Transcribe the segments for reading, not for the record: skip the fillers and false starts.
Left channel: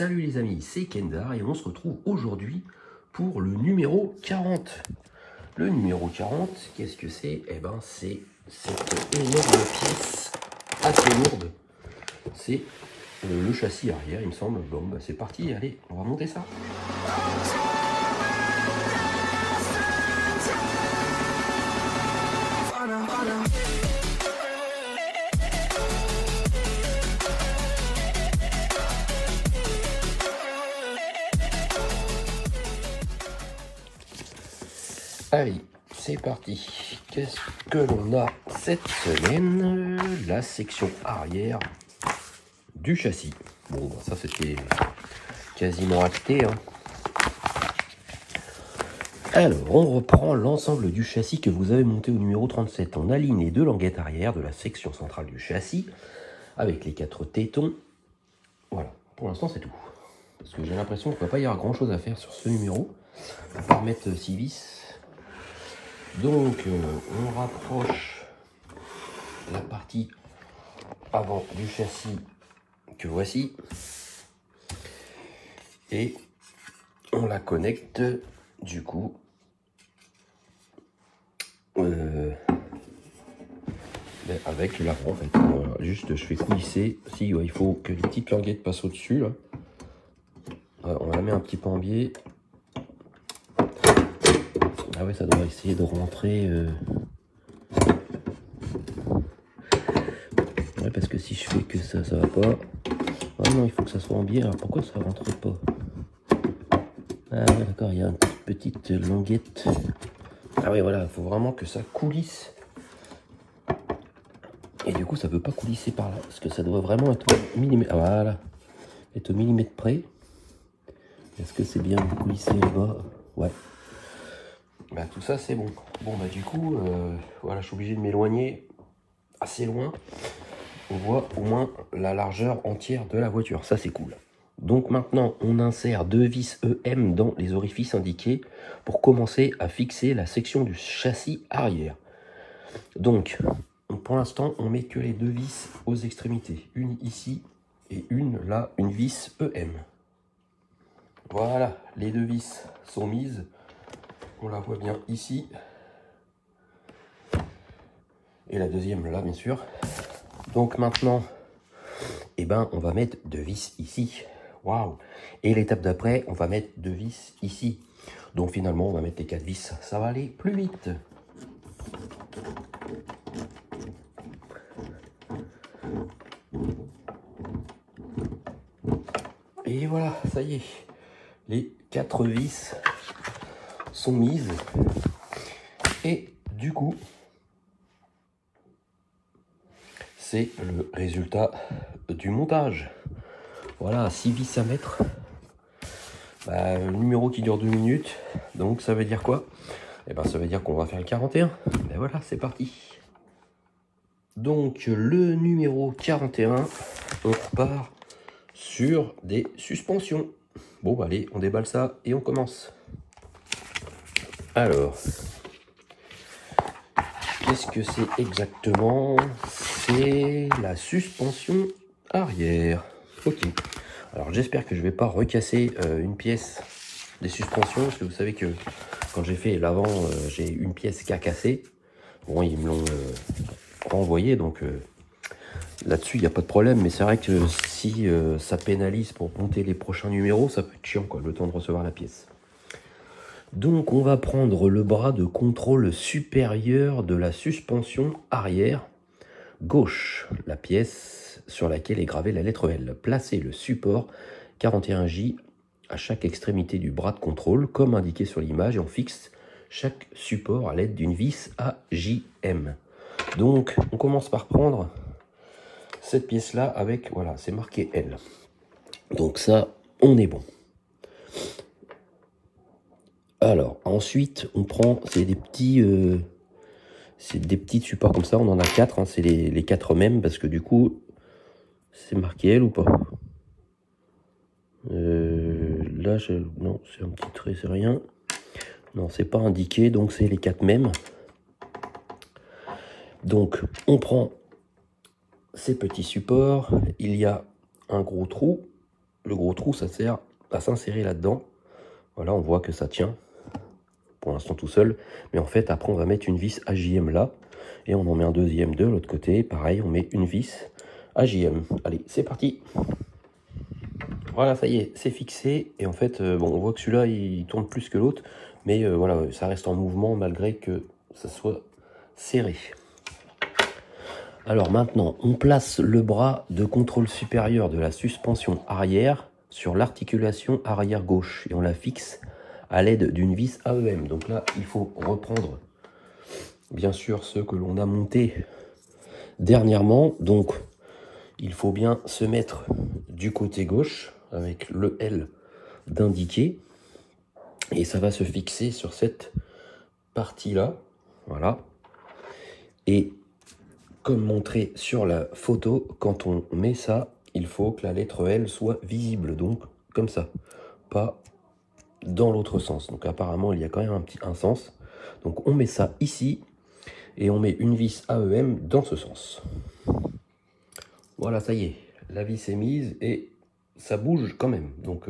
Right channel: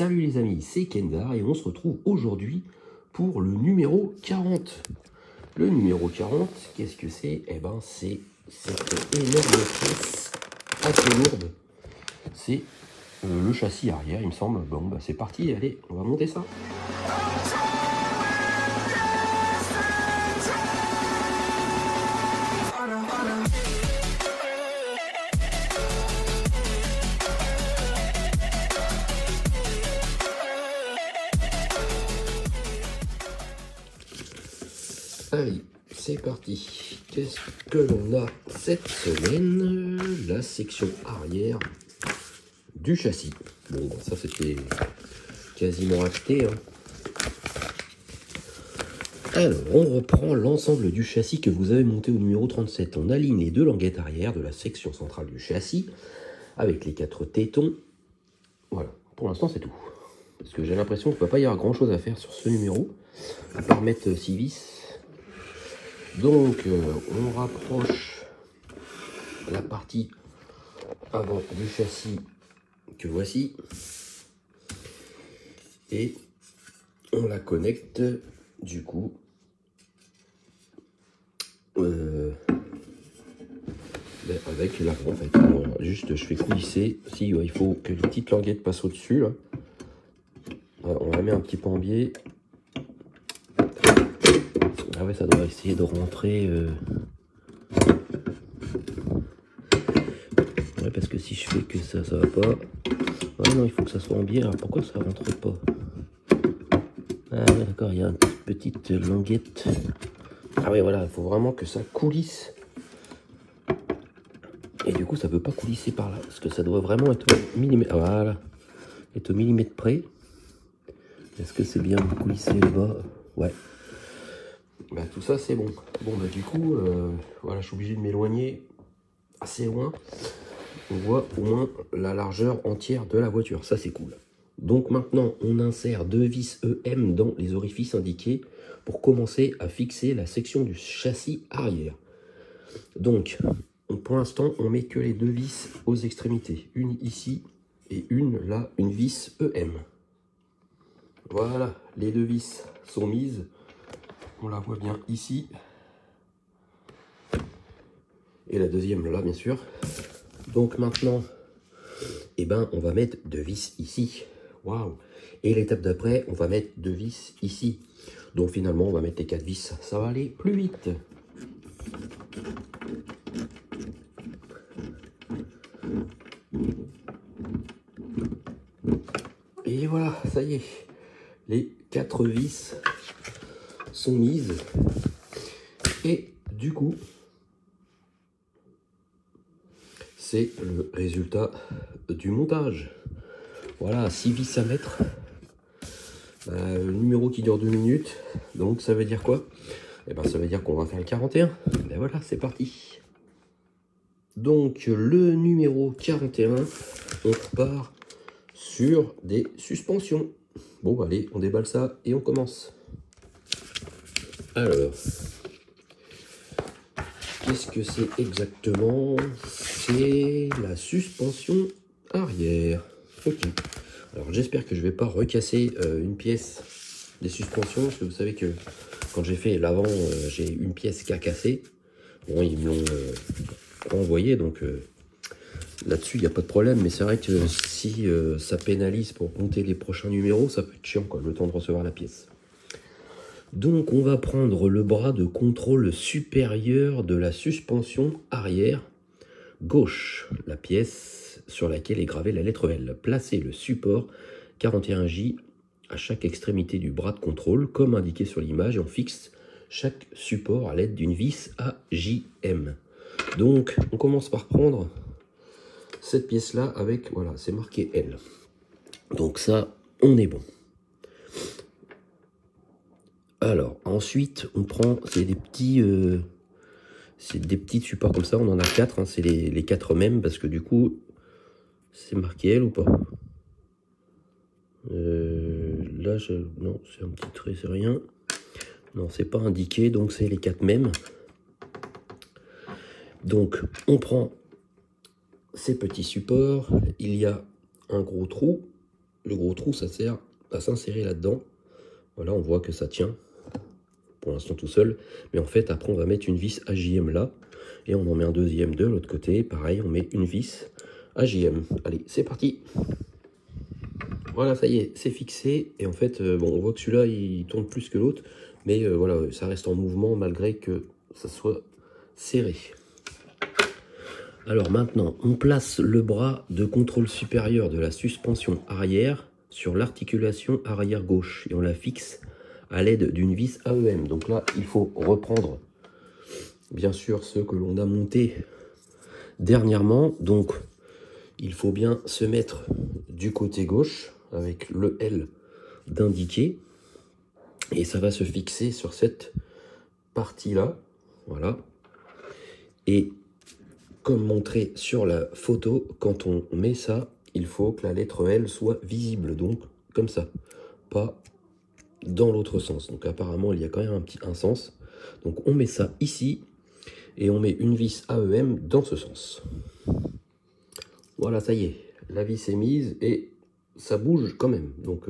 Salut les amis, c'est Kendar et on se retrouve aujourd'hui pour le numéro 40. Le numéro 40, qu'est-ce que c'est? Eh ben c'est cette énorme pièce assez lourde. C'est le châssis arrière, il me semble. Bon, bah c'est parti, allez, on va monter ça. Allez, c'est parti. Qu'est-ce que l'on a cette semaine? La section arrière du châssis. Bon, bah, ça c'était quasiment acté. Hein. Alors, on reprend l'ensemble du châssis que vous avez monté au numéro 37. On aligne les deux languettes arrière de la section centrale du châssis avec les 4 tétons. Voilà, pour l'instant c'est tout. Parce que j'ai l'impression qu'il ne peut pas y avoir grand chose à faire sur ce numéro. On va remettre 6 vis. Donc, on rapproche la partie avant du châssis que voici. Et on la connecte, du coup, avec l'avant, en fait. Juste, je fais coulisser. Si, ouais, il faut que les petites languettes passent au-dessus, là. On la met un petit peu en biais. Ah ouais, ça doit essayer de rentrer. Ouais, parce que si je fais que ça va pas. Ah non, il faut que ça soit en biais. Alors pourquoi ça rentre pas? Ah ouais, d'accord, il y a une petite languette. Ah ouais, voilà, il faut vraiment que ça coulisse. Et du coup, ça veut pas coulisser par là. Parce que ça doit vraiment être au millimètre. Voilà. Être au millimètre près. Est-ce que c'est bien de coulisser là-bas? Ouais. Bah, tout ça c'est bon. Bon bah du coup voilà, je suis obligé de m'éloigner assez loin. On voit au moins la largeur entière de la voiture, ça c'est cool. Donc maintenant on insère 2 vis EM dans les orifices indiqués pour commencer à fixer la section du châssis arrière. Donc pour l'instant on met que les 2 vis aux extrémités, une ici et une là, une vis EM. Voilà, les 2 vis sont mises. On la voit bien ici. Et la deuxième là, bien sûr. Donc maintenant, eh ben, on va mettre 2 vis ici. Waouh! Et l'étape d'après, on va mettre 2 vis ici. Donc finalement, on va mettre les 4 vis. Ça va aller plus vite. Et voilà, ça y est. Les 4 vis sont mises. Et du coup, c'est le résultat du montage. Voilà, 6 vis à mettre. Bah, le numéro qui dure 2 minutes. Donc ça veut dire quoi? Eh ben, ça veut dire qu'on va faire le 41. Et voilà, c'est parti. Donc le numéro 41, on repart sur des suspensions. Bon, bah, allez, on déballe ça et on commence. Alors, qu'est-ce que c'est exactement? C'est la suspension arrière. Ok. Alors j'espère que je ne vais pas recasser une pièce des suspensions. Parce que vous savez que quand j'ai fait l'avant, j'ai une pièce qui a cassé. Bon, ils me l'ont renvoyé. Donc là-dessus, il n'y a pas de problème. Mais c'est vrai que si ça pénalise pour monter les prochains numéros, ça peut être chiant, quoi, le temps de recevoir la pièce. Donc on va prendre le bras de contrôle supérieur de la suspension arrière gauche, la pièce sur laquelle est gravée la lettre L. Placez le support 41J à chaque extrémité du bras de contrôle comme indiqué sur l'image et on fixe chaque support à l'aide d'une vis AJM. Donc on commence par prendre cette pièce là avec, voilà, c'est marqué L. Donc ça, on est bon. Alors, ensuite, on prend, c'est des petits supports comme ça, on en a 4, hein, c'est les 4 mêmes, parce que du coup, c'est marqué L ou pas? Là, non, c'est un petit trait, c'est rien. Non, c'est pas indiqué, donc c'est les 4 mêmes. Donc, on prend ces petits supports, il y a un gros trou, le gros trou, ça sert à s'insérer là-dedans. Voilà, on voit que ça tient pour l'instant tout seul. Mais en fait, après, on va mettre une vis AJM là. Et on en met un deuxième de l'autre côté. Pareil, on met une vis AJM. Allez, c'est parti. Voilà, ça y est, c'est fixé. Et en fait, bon, on voit que celui-là, il tourne plus que l'autre. Mais voilà, ça reste en mouvement malgré que ça soit serré. Alors maintenant, on place le bras de contrôle supérieur de la suspension arrière sur l'articulation arrière gauche. Et on la fixe à l'aide d'une vis AEM. Donc là, il faut reprendre, bien sûr, ceux que l'on a montés dernièrement. Donc, il faut bien se mettre du côté gauche avec le L d'indiqué. Et ça va se fixer sur cette partie-là. Voilà. Et comme montré sur la photo, quand on met ça, il faut que la lettre L soit visible. Donc, comme ça. Pas dans l'autre sens. Donc, apparemment, il y a quand même un sens. Donc, on met ça ici. Et on met une vis AEM dans ce sens. Voilà, ça y est. La vis est mise et ça bouge quand même. Donc,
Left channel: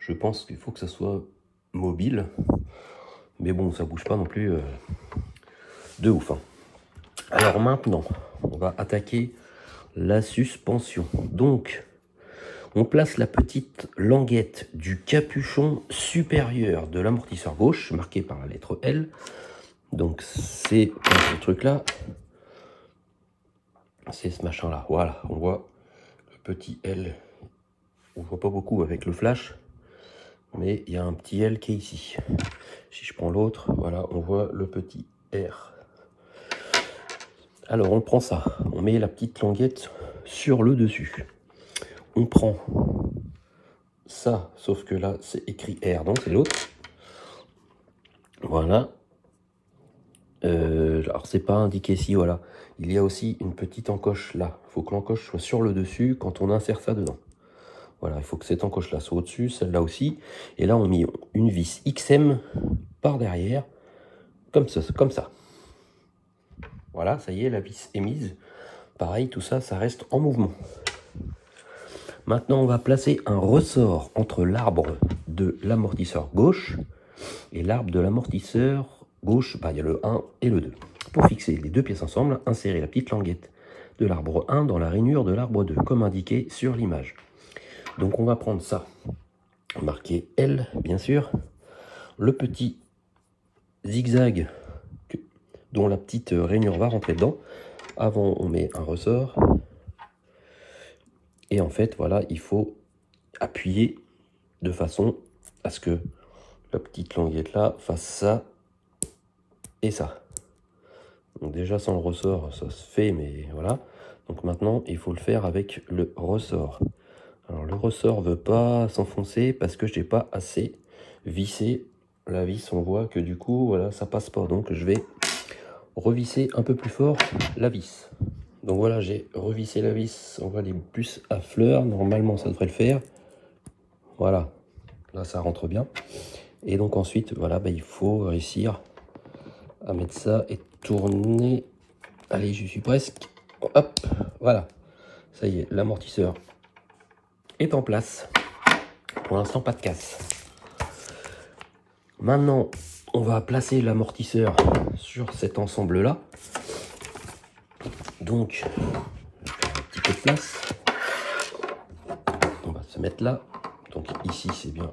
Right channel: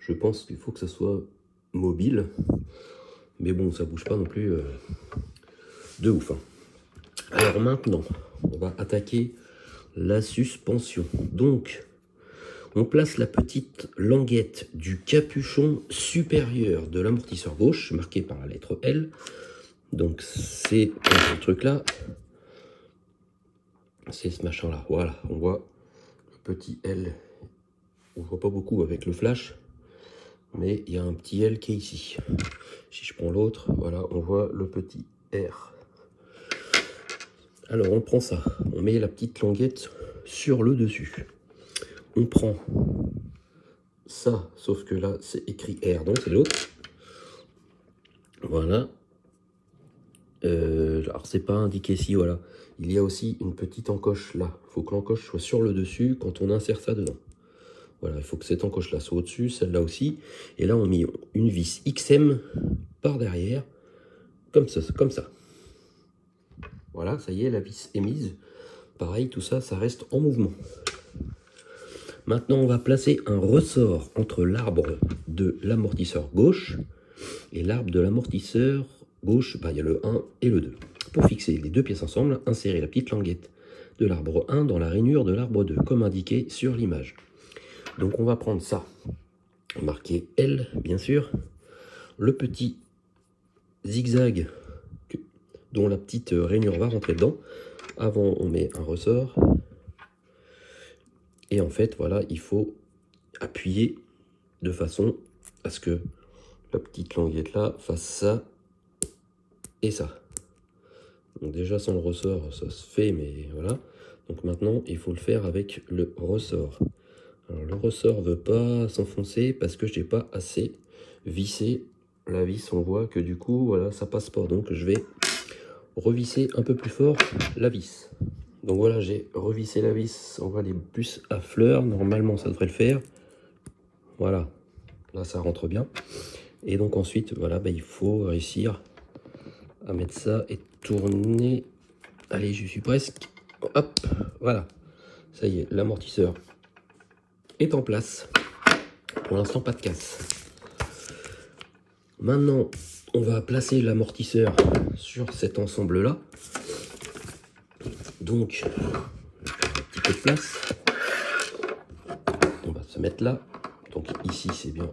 je pense qu'il faut que ça soit mobile. Mais bon, ça bouge pas non plus de ouf. Hein. Alors maintenant, on va attaquer la suspension. Donc, on place la petite languette du capuchon supérieur de l'amortisseur gauche, marqué par la lettre L. Donc, c'est ce truc-là. C'est ce machin-là. Voilà, on voit le petit L. On voit pas beaucoup avec le flash. Mais il y a un petit L qui est ici. Si je prends l'autre, voilà, on voit le petit R. Alors, on prend ça. On met la petite languette sur le dessus. On prend ça, sauf que là, c'est écrit R, donc c'est l'autre. Voilà. Alors, c'est pas indiqué ici, voilà. Il y a aussi une petite encoche là. Il faut que l'encoche soit sur le dessus quand on insère ça dedans. Voilà, il faut que cette encoche-là soit au-dessus, celle-là aussi. Et là, on met une vis XM par derrière, comme ça, comme ça. Voilà, ça y est, la vis est mise. Pareil, tout ça, ça reste en mouvement. Maintenant, on va placer un ressort entre l'arbre de l'amortisseur gauche et l'arbre de l'amortisseur gauche. Bah, il y a le 1 et le 2. Pour fixer les deux pièces ensemble, insérez la petite languette de l'arbre 1 dans la rainure de l'arbre 2, comme indiqué sur l'image. Donc on va prendre ça, marqué L bien sûr, le petit zigzag dont la petite rainure va rentrer dedans. Avant on met un ressort et en fait voilà, il faut appuyer de façon à ce que la petite languette là fasse ça et ça. Donc déjà sans le ressort ça se fait, mais voilà. Donc maintenant il faut le faire avec le ressort. Alors le ressort ne veut pas s'enfoncer parce que je n'ai pas assez vissé la vis. On voit que du coup voilà, ça passe pas. Donc je vais revisser un peu plus fort la vis. Donc voilà, j'ai revissé la vis. On voit les puces à fleurs. Normalement ça devrait le faire. Voilà, là ça rentre bien. Et donc ensuite voilà, bah, il faut réussir à mettre ça et tourner. Allez, je suis presque. Hop, voilà. Ça y est, l'amortisseur est en place. Pour l'instant, pas de casse. Maintenant, on va placer l'amortisseur sur cet ensemble-là. Donc, un petit peu de place. On va se mettre là. Donc ici, c'est bien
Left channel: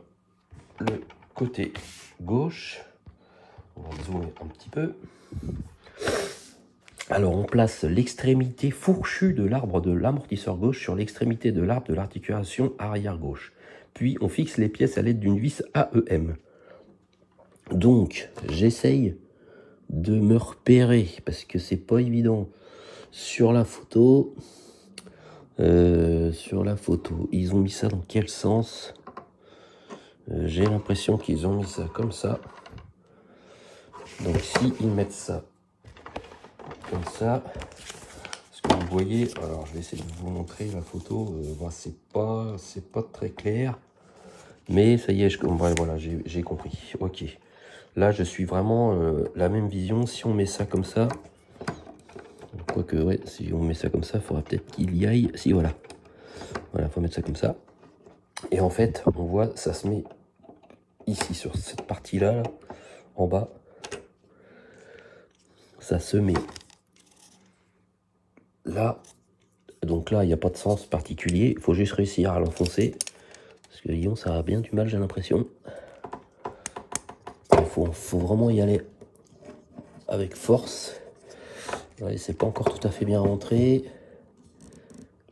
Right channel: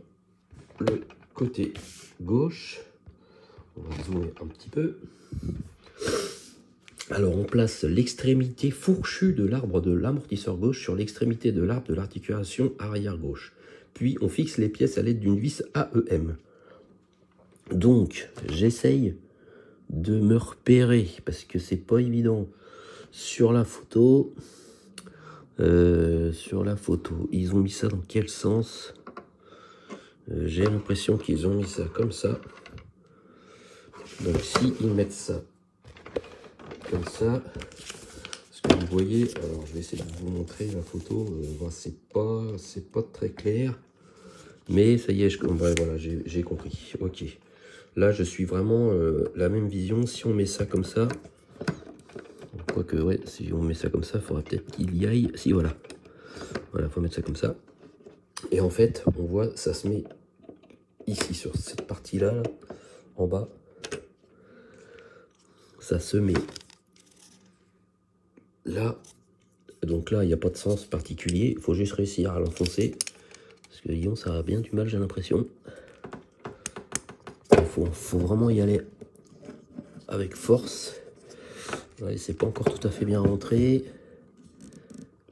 le côté gauche. On va zoomer un petit peu. Alors, on place l'extrémité fourchue de l'arbre de l'amortisseur gauche sur l'extrémité de l'arbre de l'articulation arrière gauche. Puis, on fixe les pièces à l'aide d'une vis AEM. Donc, j'essaye de me repérer parce que c'est pas évident sur la photo. Ils ont mis ça dans quel sens? J'ai l'impression qu'ils ont mis ça comme ça. Donc, si ils mettent ça comme ça, ce que vous voyez, alors je vais essayer de vous montrer la photo. C'est pas très clair, mais ça y est, voilà, j'ai compris. Ok, là je suis vraiment la même vision. Si on met ça comme ça, quoique ouais, si on met ça comme ça, il faudra peut-être qu'il y aille. Si voilà, faut mettre ça comme ça. Et en fait, on voit, ça se met ici, sur cette partie-là, là, en bas. Ça se met là. Donc là, il n'y a pas de sens particulier. Il faut juste réussir à l'enfoncer. Parce que disons, ça a bien du mal, j'ai l'impression. Il faut vraiment y aller avec force. Ouais, c'est pas encore tout à fait bien rentré.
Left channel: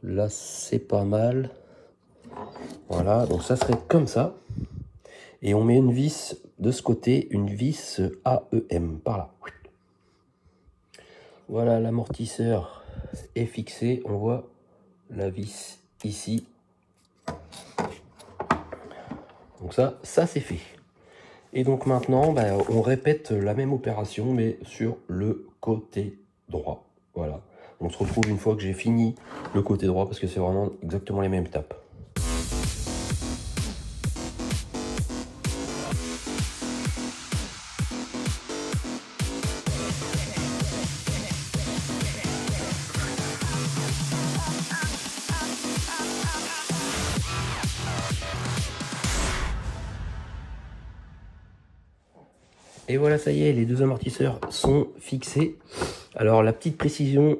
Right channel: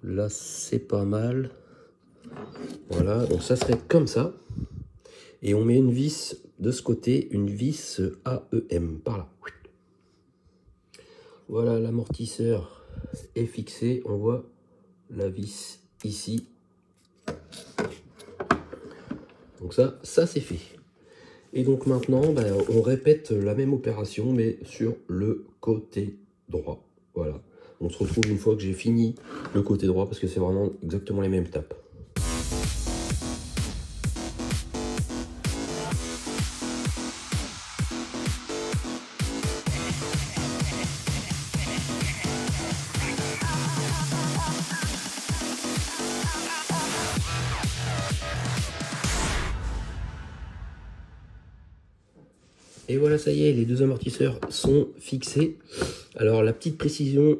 Là, c'est pas mal. Voilà, donc ça serait comme ça. Et on met une vis de ce côté, une vis AEM, par là. Voilà, l'amortisseur est fixé. On voit la vis ici. Donc ça c'est fait. Et donc maintenant, on répète la même opération, mais sur le côté droit. Voilà. On se retrouve une fois que j'ai fini le côté droit, parce que c'est vraiment exactement les mêmes étapes. Et voilà, ça y est, les deux amortisseurs sont fixés. Alors la petite précision,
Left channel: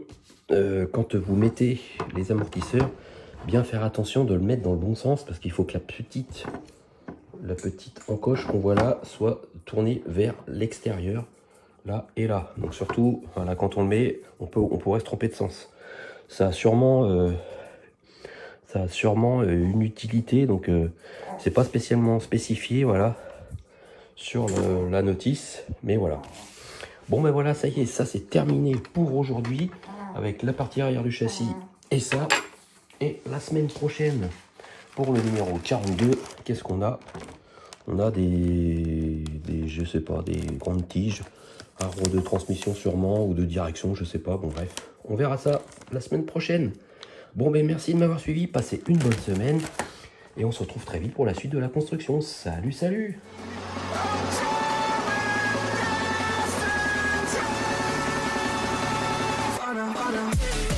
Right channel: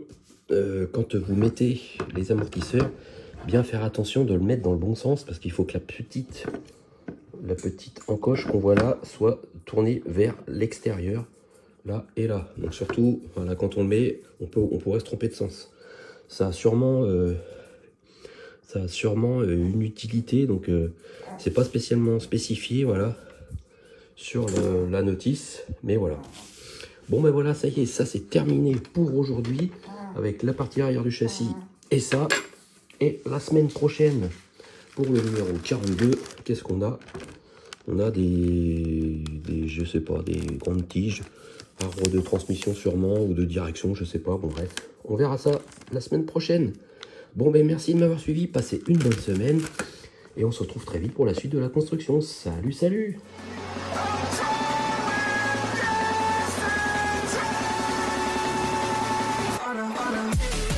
quand vous mettez les amortisseurs, bien faire attention de le mettre dans le bon sens, parce qu'il faut que la petite encoche qu'on voit là soit tournée vers l'extérieur, là et là. Donc surtout, là, quand on le met, on pourrait se tromper de sens. Ça a sûrement une utilité, donc c'est pas spécialement spécifié, voilà, sur la notice, mais voilà. Bon ben voilà, ça y est, ça c'est terminé pour aujourd'hui avec la partie arrière du châssis et ça. Et la semaine prochaine, pour le numéro 42, qu'est-ce qu'on a? On a je sais pas, des grandes tiges, arbres de transmission sûrement, ou de direction, je sais pas, bon bref. On verra ça la semaine prochaine. Bon ben merci de m'avoir suivi, passez une bonne semaine, et on se retrouve très vite pour la suite de la construction. Salut, salut! Para.